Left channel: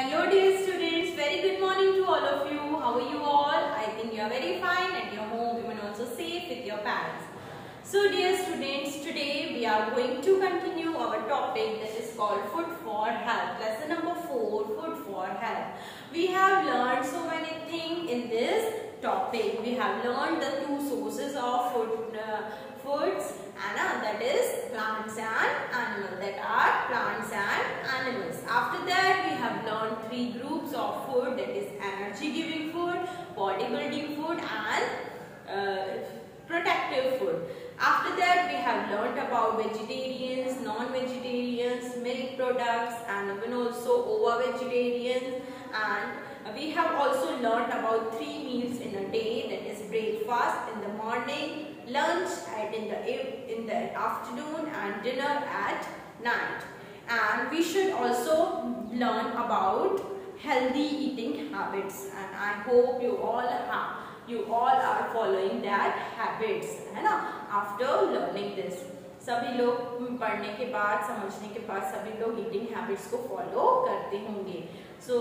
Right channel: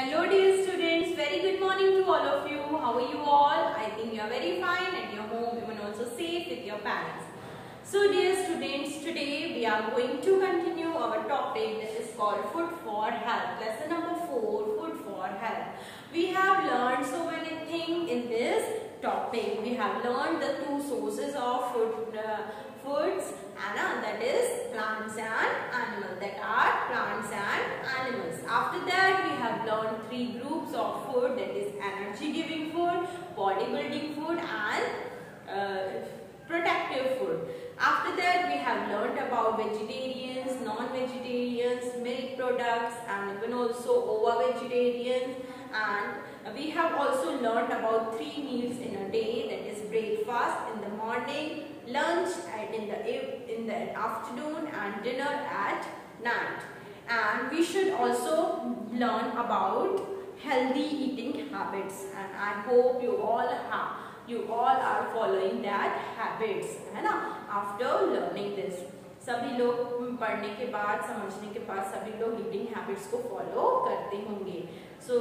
Hello dear students, very good morning to all of you. How are you all? I think you are very fine at your home, even also safe with your parents. So dear students, today we are going to continue our topic that is called Food for Health. Lesson number 4, Food for Health. We have learned so many things in this topic. We have learned the two sources of foods, and that is plants and animals. That are plants and animals. After that, we have learned 3 groups of food, that is energy giving food, bodybuilding food, and protective food. After that, we have learnt about vegetarians, non-vegetarians, milk products, and even also ovo-vegetarians. And we have also learnt about 3 meals in a day, that is breakfast in the morning, lunch in the afternoon, and dinner at night. And we should also learn about healthy eating habits, and I hope you all are following that habits, है ना? After learning this, सभी लोग पढ़ने के बाद, समझने के बाद सभी लोग eating habits को follow करते होंगे. So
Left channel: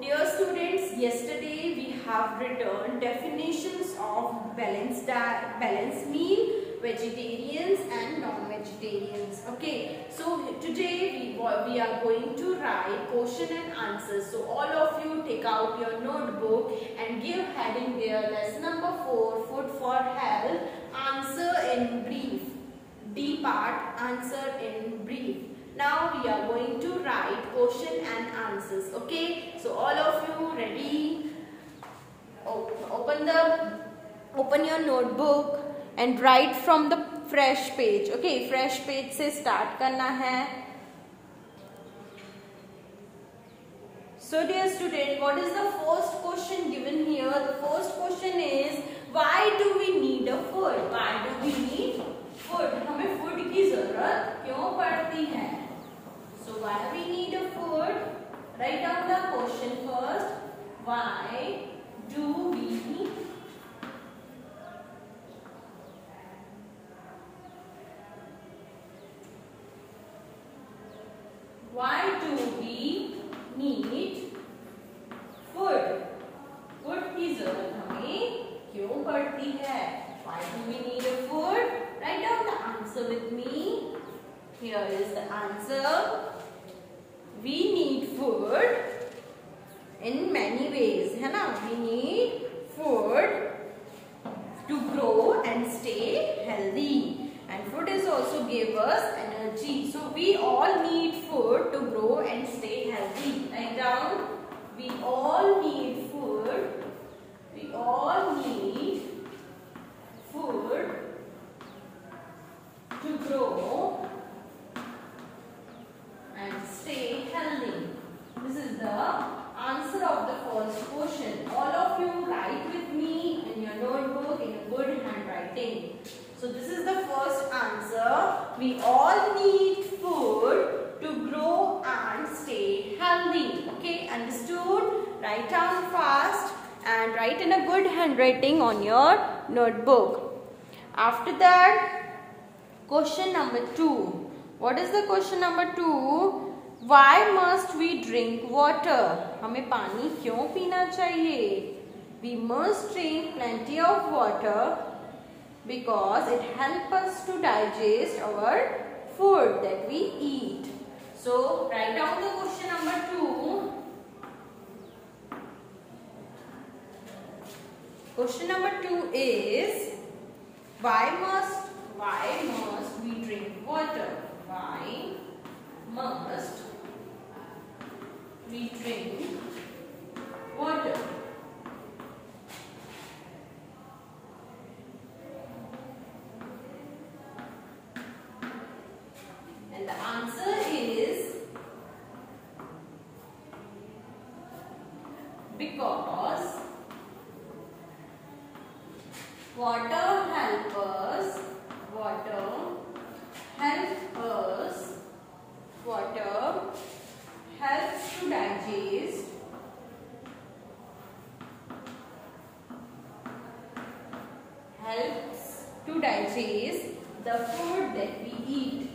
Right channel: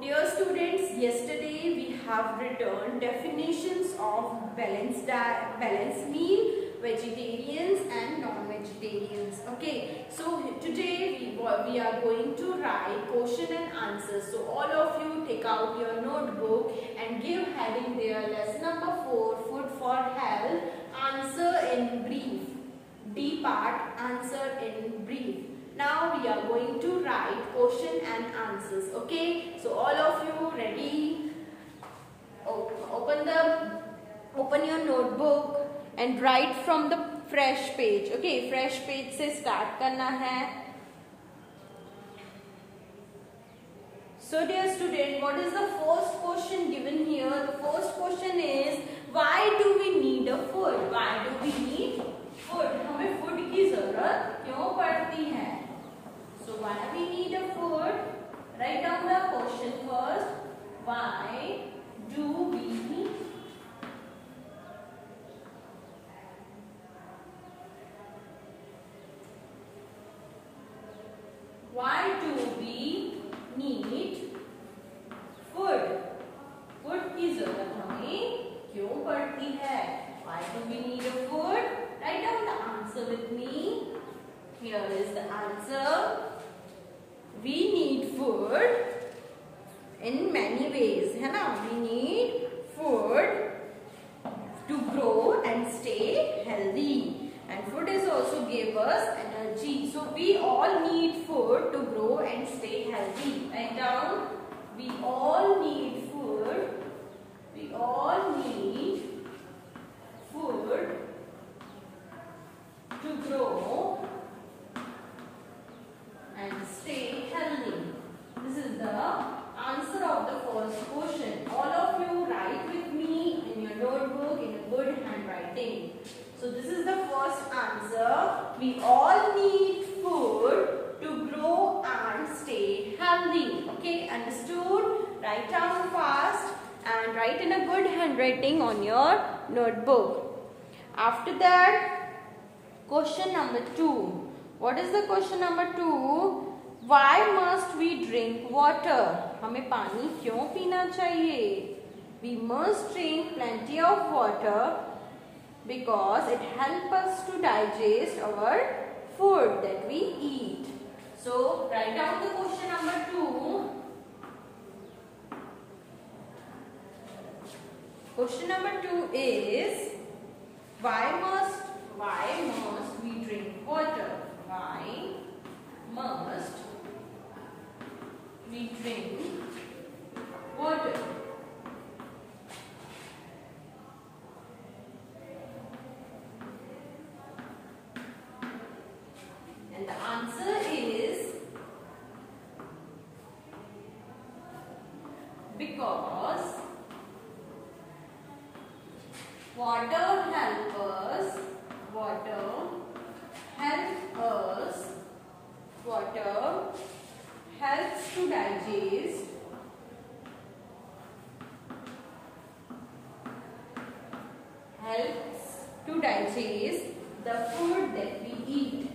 dear students, yesterday we have returned definitions of balanced diet, balanced meal, vegetarians and non-vegetarians. Okay, so today we are going to write question and answers. So all of you take out your notebook and give heading there, lesson number 4, Food for Health, answer in brief. D part, answer in brief. Now we are going to write question and answers. Okay, so all of you ready? Open your notebook and write from the fresh page. Okay, fresh page से start करना है. So dear student, what is the first question given here? The first question is, why do we need a food? Why do we need food? हमें food की जरूरत क्यों पड़ती है? So why we need a food? Write down the question first. Why do we need? Why do we need food? Food की जरूरत हमें क्यों पड़ती है? Why do we need a food? Write down the answer with me. Here is the answer. We need food in many ways, है ना? We need food to grow and stay healthy, and food is also give us energy. So we all need food to grow and stay healthy. Write down. We all need food. We all need food to grow and stay healthy. This is the answer of the first question. All of you write with me in your notebook in a good handwriting. So this is the first answer. We all need food to grow and stay healthy. Okay, understood? Write down fast and write in a good handwriting on your notebook. After that, question number 2. What is the question number 2? Why must we drink water? हमें पानी क्यों पीना चाहिए? We must drink plenty of water because it helps us to digest our food that we eat. So write down the question number 2. Question number 2 is, why must we drink water? Why must we drink water? And the answer is because water helps us to digest the food that we eat.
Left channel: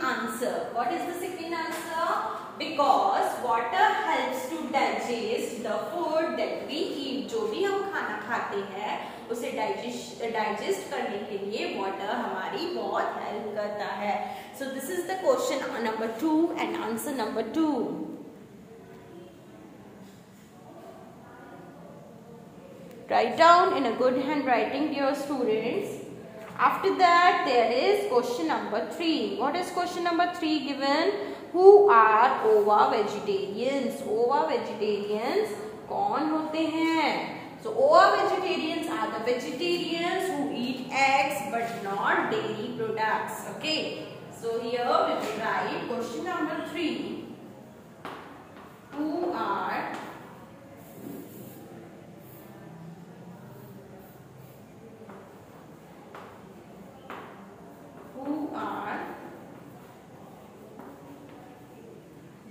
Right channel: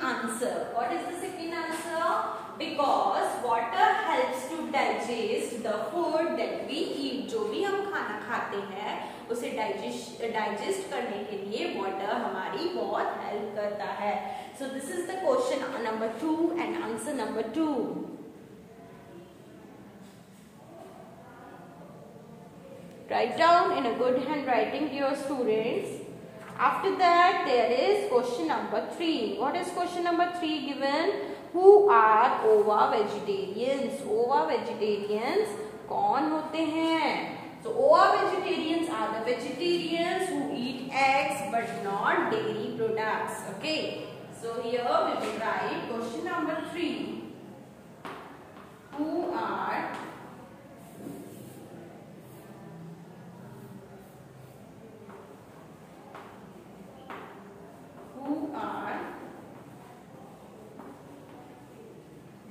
second answer. What is the second answer? Because water helps to digest the food that we eat. जो भी हम खाना खाते हैं उसे digest करने के लिए वाटर हमारी बहुत हेल्प करता है. So this is the question number 2 and answer number 2. Write down in a good handwriting, dear students. After that, there is question number 3. What is question number 3 given? Who are ova vegetarians? Ova vegetarians कौन होते हैं? So ova vegetarians are the vegetarians who eat eggs but not dairy products. Okay. So here we will write question number 3. Who are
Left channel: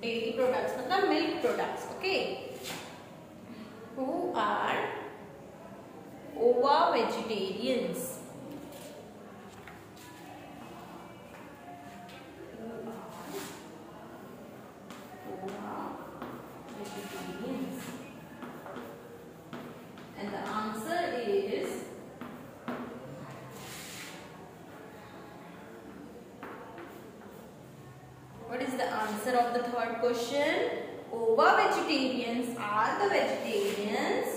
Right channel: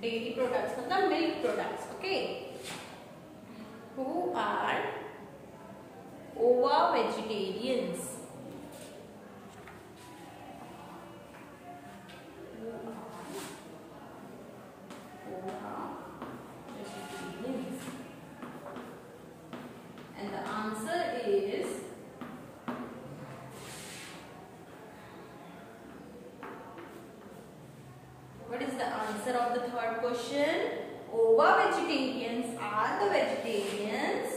dairy products, मतलब milk products. Okay. Who are ova vegetarians? Who are ova vegetarians? And the answer is answer of the third question. Ova vegetarians are the vegetarians.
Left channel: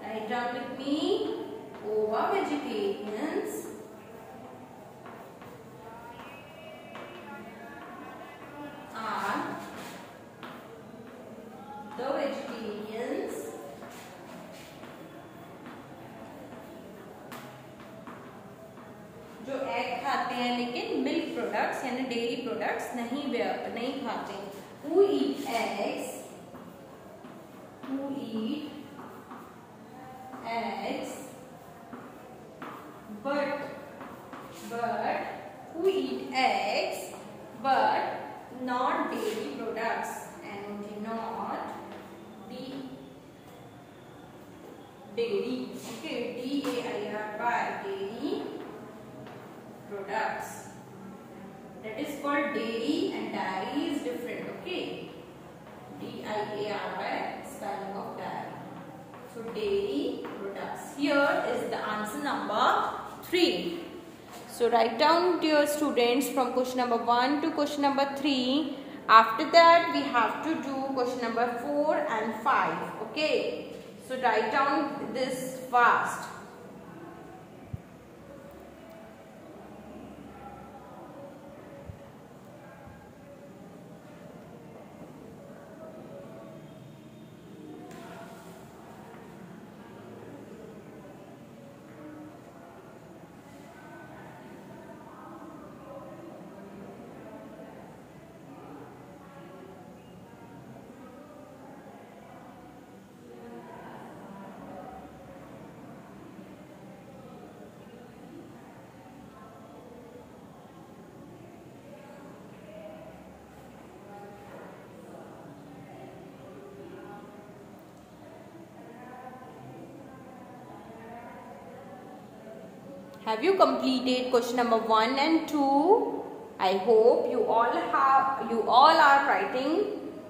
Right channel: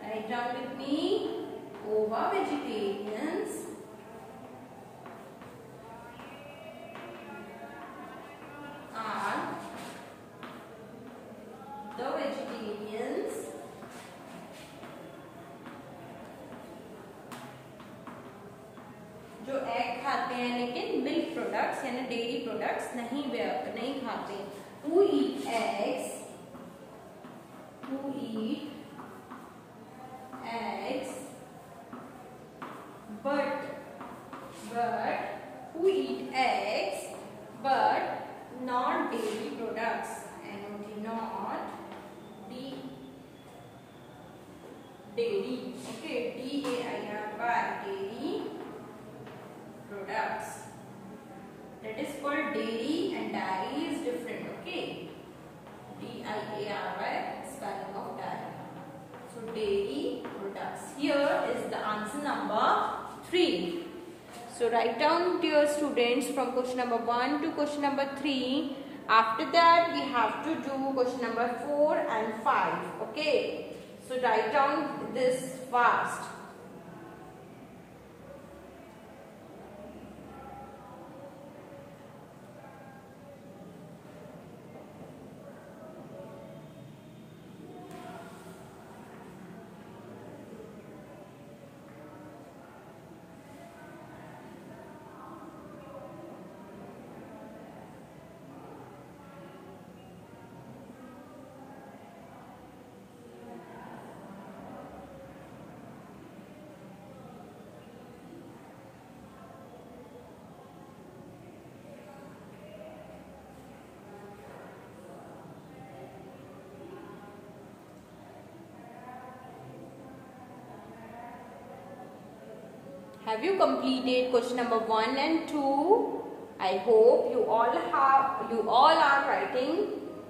Write down with me. Ova vegetarians are the vegetarians जो egg खाते हैं लेकिन milk products यानी dairy products नहीं खाते. Who eat eggs? Who eat eggs? But who eat eggs but not dairy products and do not be dairy. Okay, D-A-I-R-Y, dairy products. That is called dairy and dairy is different. Okay, D-I-A-R-Y, spelling of dairy. So dairy products. Here is the answer number 3. So write down, dear students, from question number 1 to question number 3. After that we have to do question number 4 and 5. Okay, so write down this fast. Have you completed question number 1 and 2? I hope you all are writing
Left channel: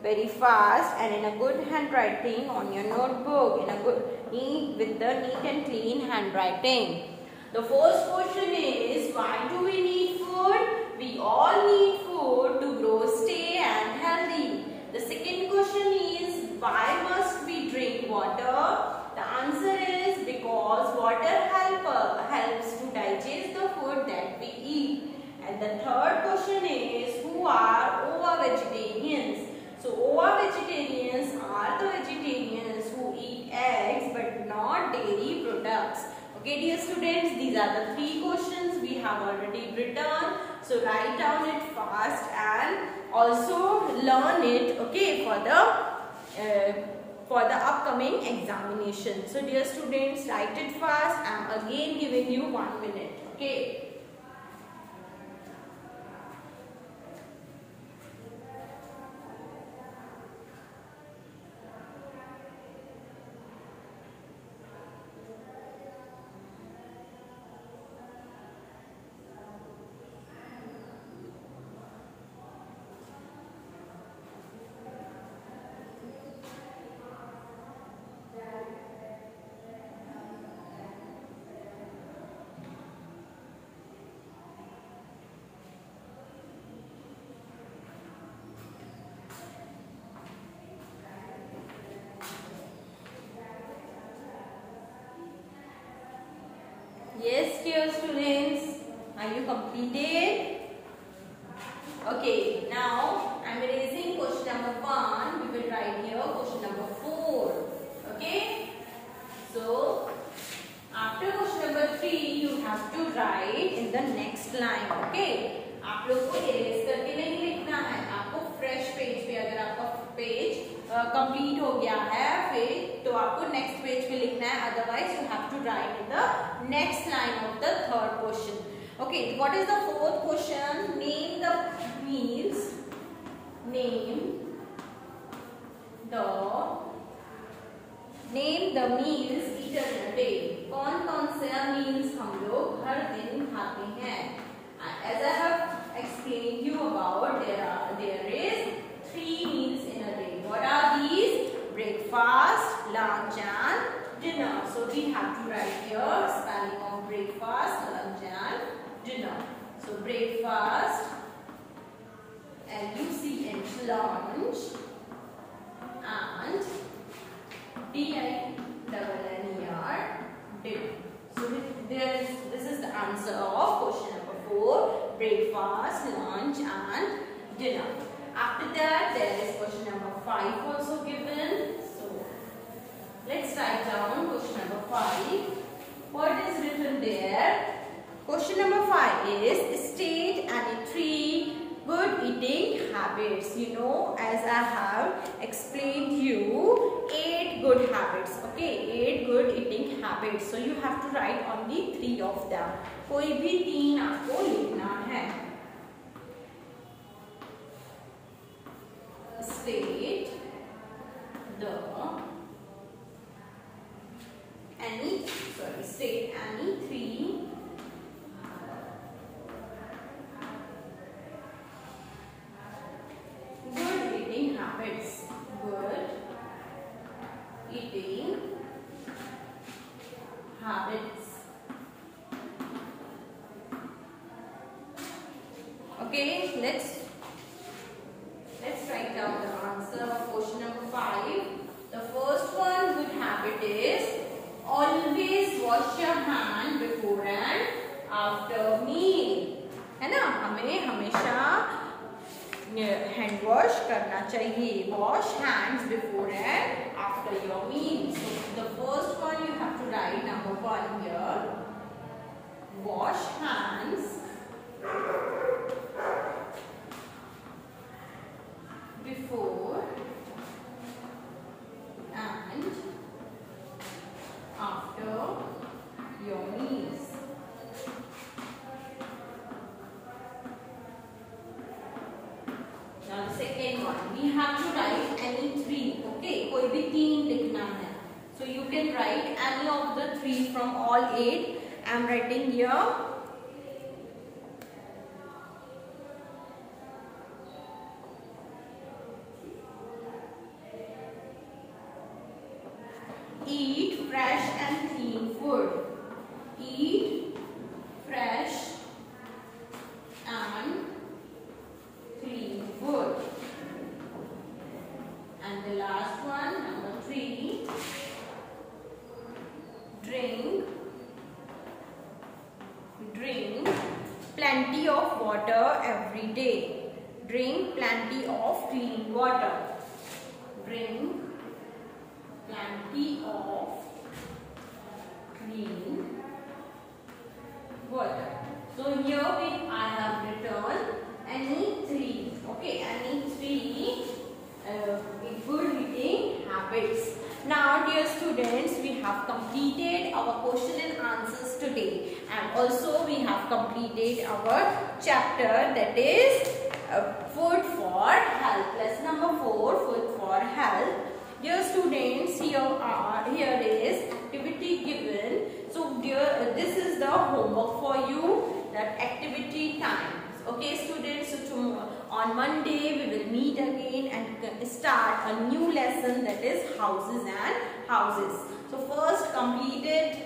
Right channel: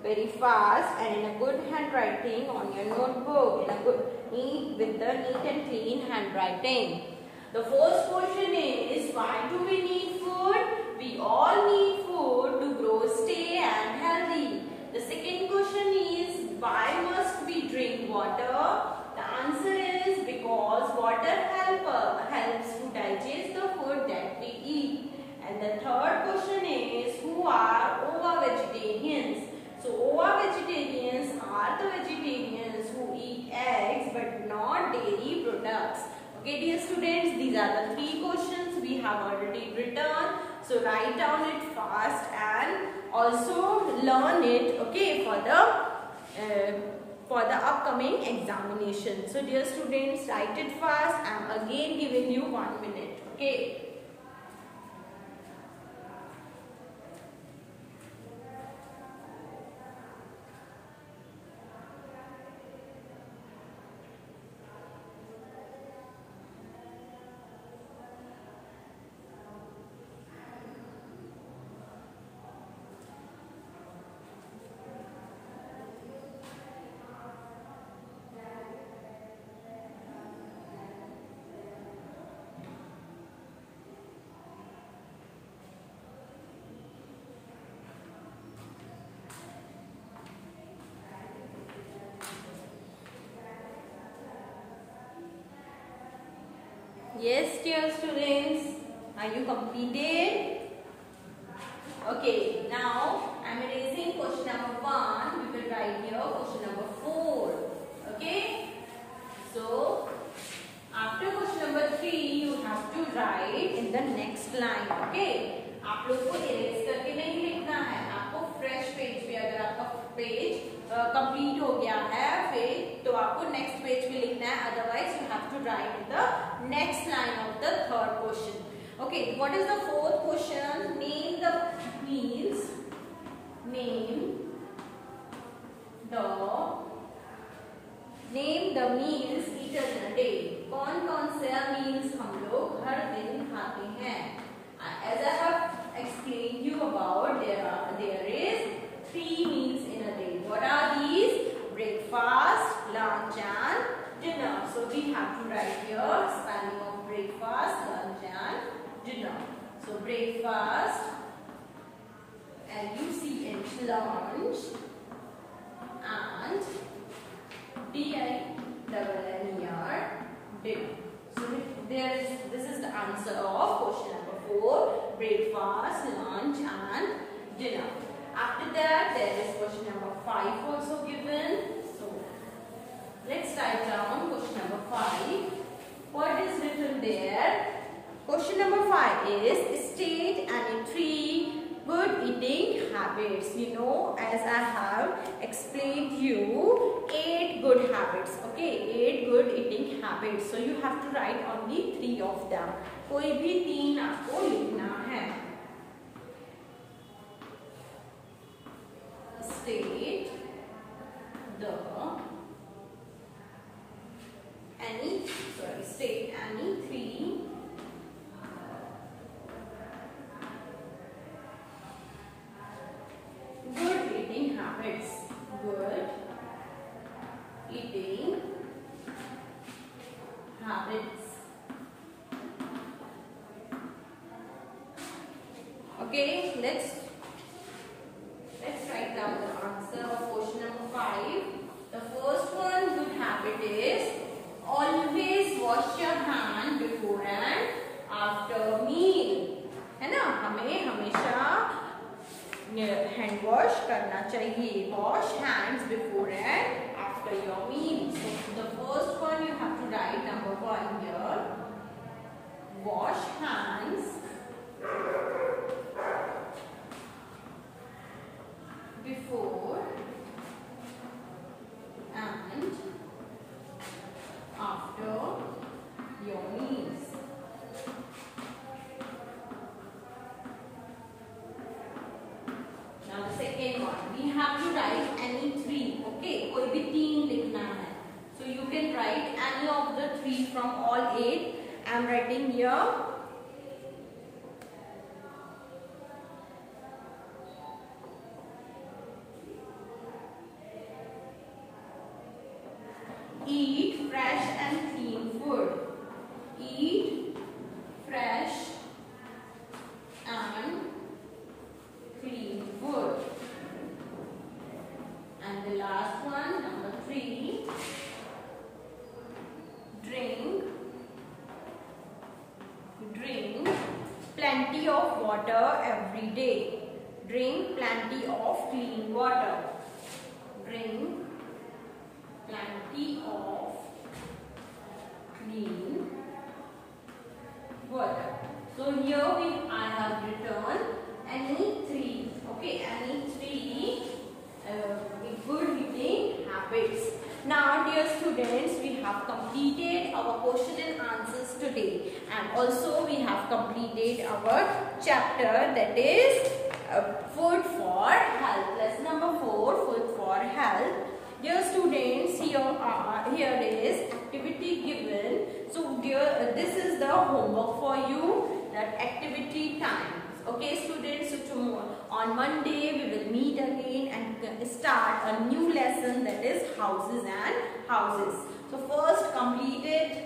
very fast and in a good handwriting on your notebook, with the neat and clean handwriting. The first question is, why do we need food? We all need food to grow, stay and healthy. The second question is, why must we drink water? The answer is because water helps to digest the food that we eat. And the third question is, who are ova vegetarians? So ova vegetarians are the vegetarians who eat eggs but not dairy products. Okay, dear students, these are the 3 questions we have already written. So write down it fast and also learn it, okay, for the upcoming examination. So dear students, write it fast. I am again giving you 1 minute. Okay. dear students, are you completed? Okay, now I am erasing question number 1. We will write here question number 4. Okay, so after question number 3 you have to write in the next line. Okay, आप लोग को erase करके नहीं लिखना है, आपको fresh page पे, अगर आपका पेज कंप्लीट हो गया है फिर तो आपको नेक्स्ट पेज पे लिखना है, otherwise you have to write the next line of the third question. Okay, what is the fourth question? Name the meals. Name the meals eaten in a day. कौन कौन से meals हम लोग हर दिन खाते हैं? As I have explained you about, there is 3 meals in a day. What are these? Breakfast, lunch, and dinner. So we have to write here spelling of breakfast, lunch, and dinner. So breakfast, LUCH, lunch, and DINNER, dinner. So this is the answer of question number 4. Breakfast, lunch, and dinner. After that, there is question number 5 also given. So let's write down question number 5. What is written there? Question number 5 is state any 3 good eating habits. You know, as I have explained you 8 good habits. Okay, 8 good eating habits. So you have to write only 3 of them. कोई भी 3 आपको लिखना है. State any 3 good eating habits. Good eating habits. Okay, let's write down the answer of question number 5. The first one good habit is always wash your hand before and after meal. है ना, हमें हमेशा hand wash करना चाहिए. Wash hands before and after your meal. So the first one you have to write number 1 here. Wash hands before and after your meals. Now the second one, we have to write any 3. Okay, कोई भी 3 लिखना है. So you can write any of the 3 from all 8. I am writing here. Eat fresh and clean food. Eat fresh and clean food. And the last one, number 3, drink plenty of water every day. Drink plenty of clean water. Drink plenty of clean water. So here I have written any 3. Okay, any 3 good eating habits. Now dear students, we have completed our question and answers today, and also we have completed our chapter, that is food for health. Lesson number 4, food for health. Dear students, here is activity given. So dear, this is the homework for you, that activity time. Okay students, so tomorrow on Monday we will meet again and start a new lesson, that is houses and houses. So first completed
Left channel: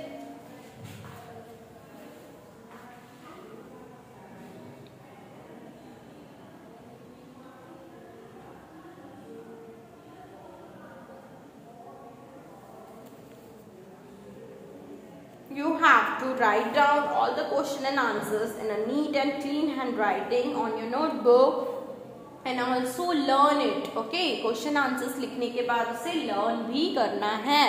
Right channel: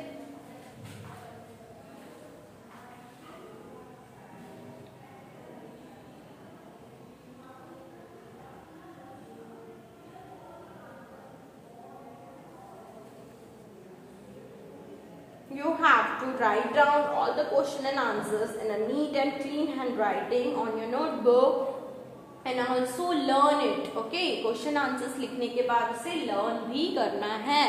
you have to write down all the question and answers in a neat and clean handwriting on your notebook and also learn it. Okay, question answers लिखने के बाद उसे learn भी करना है.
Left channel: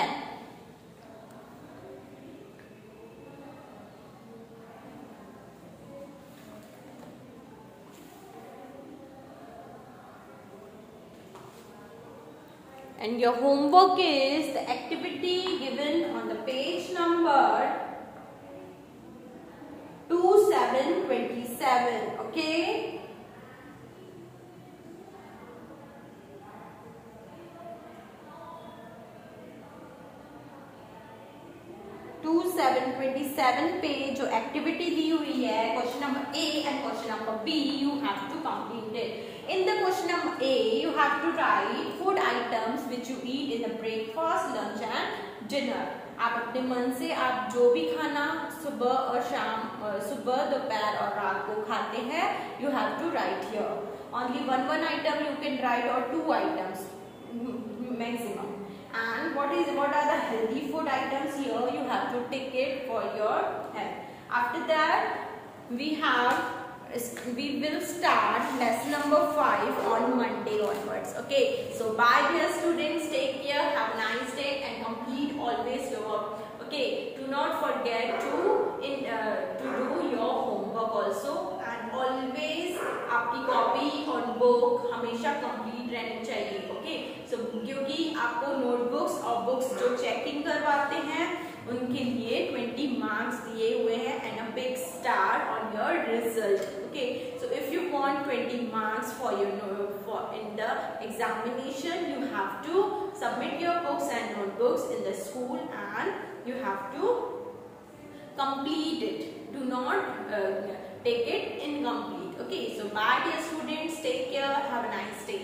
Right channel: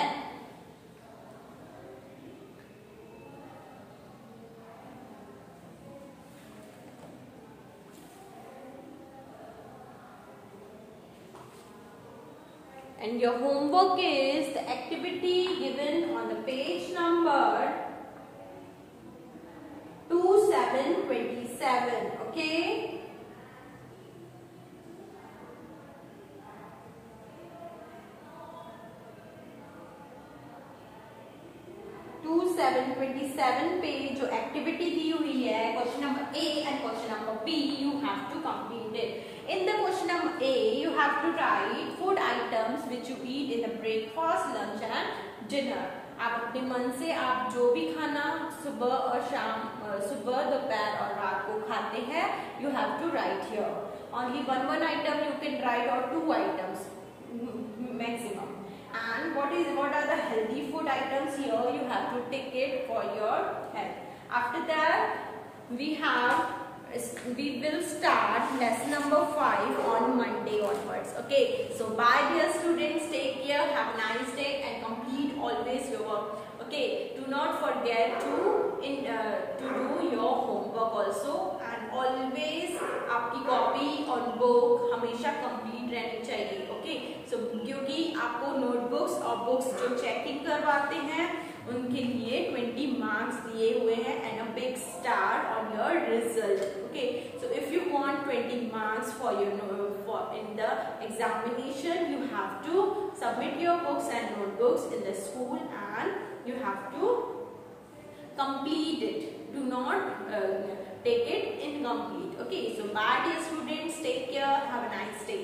And your homework is the activity given on the page number 2727. Okay. पे जो activity दी हुई है question number A and question number B, you have to complete it. In the question number A you have to write food items which you eat in the breakfast, lunch and dinner. आप अपने मन से आप जो भी खाना सुबह और शाम, सुबह दोपहर और रात को खाते हैं, you have to write here. Only one item you can write or 2 items maximum. And what are the healthy food items here? You have to take it for your health. After that, we will start lesson number 5 on Monday onwards. Okay. So bye dear students. Take care. Have a nice day and complete always your work. Okay. Do not forget to do your homework also. And always आपकी copy और book हमेशा complete रहनी चाहिए. Okay. सो क्योंकि आपको notebooks और books जो checking करवाते हैं उनके लिए 20 मार्क्स दिए हुए हैं and a big star on your result. Okay. So if you want 20 marks for in the examination, you have to submit your books and notebooks in the school and you have to complete it. Do not take it incomplete. Okay, so bye dear students, take care, have a nice day.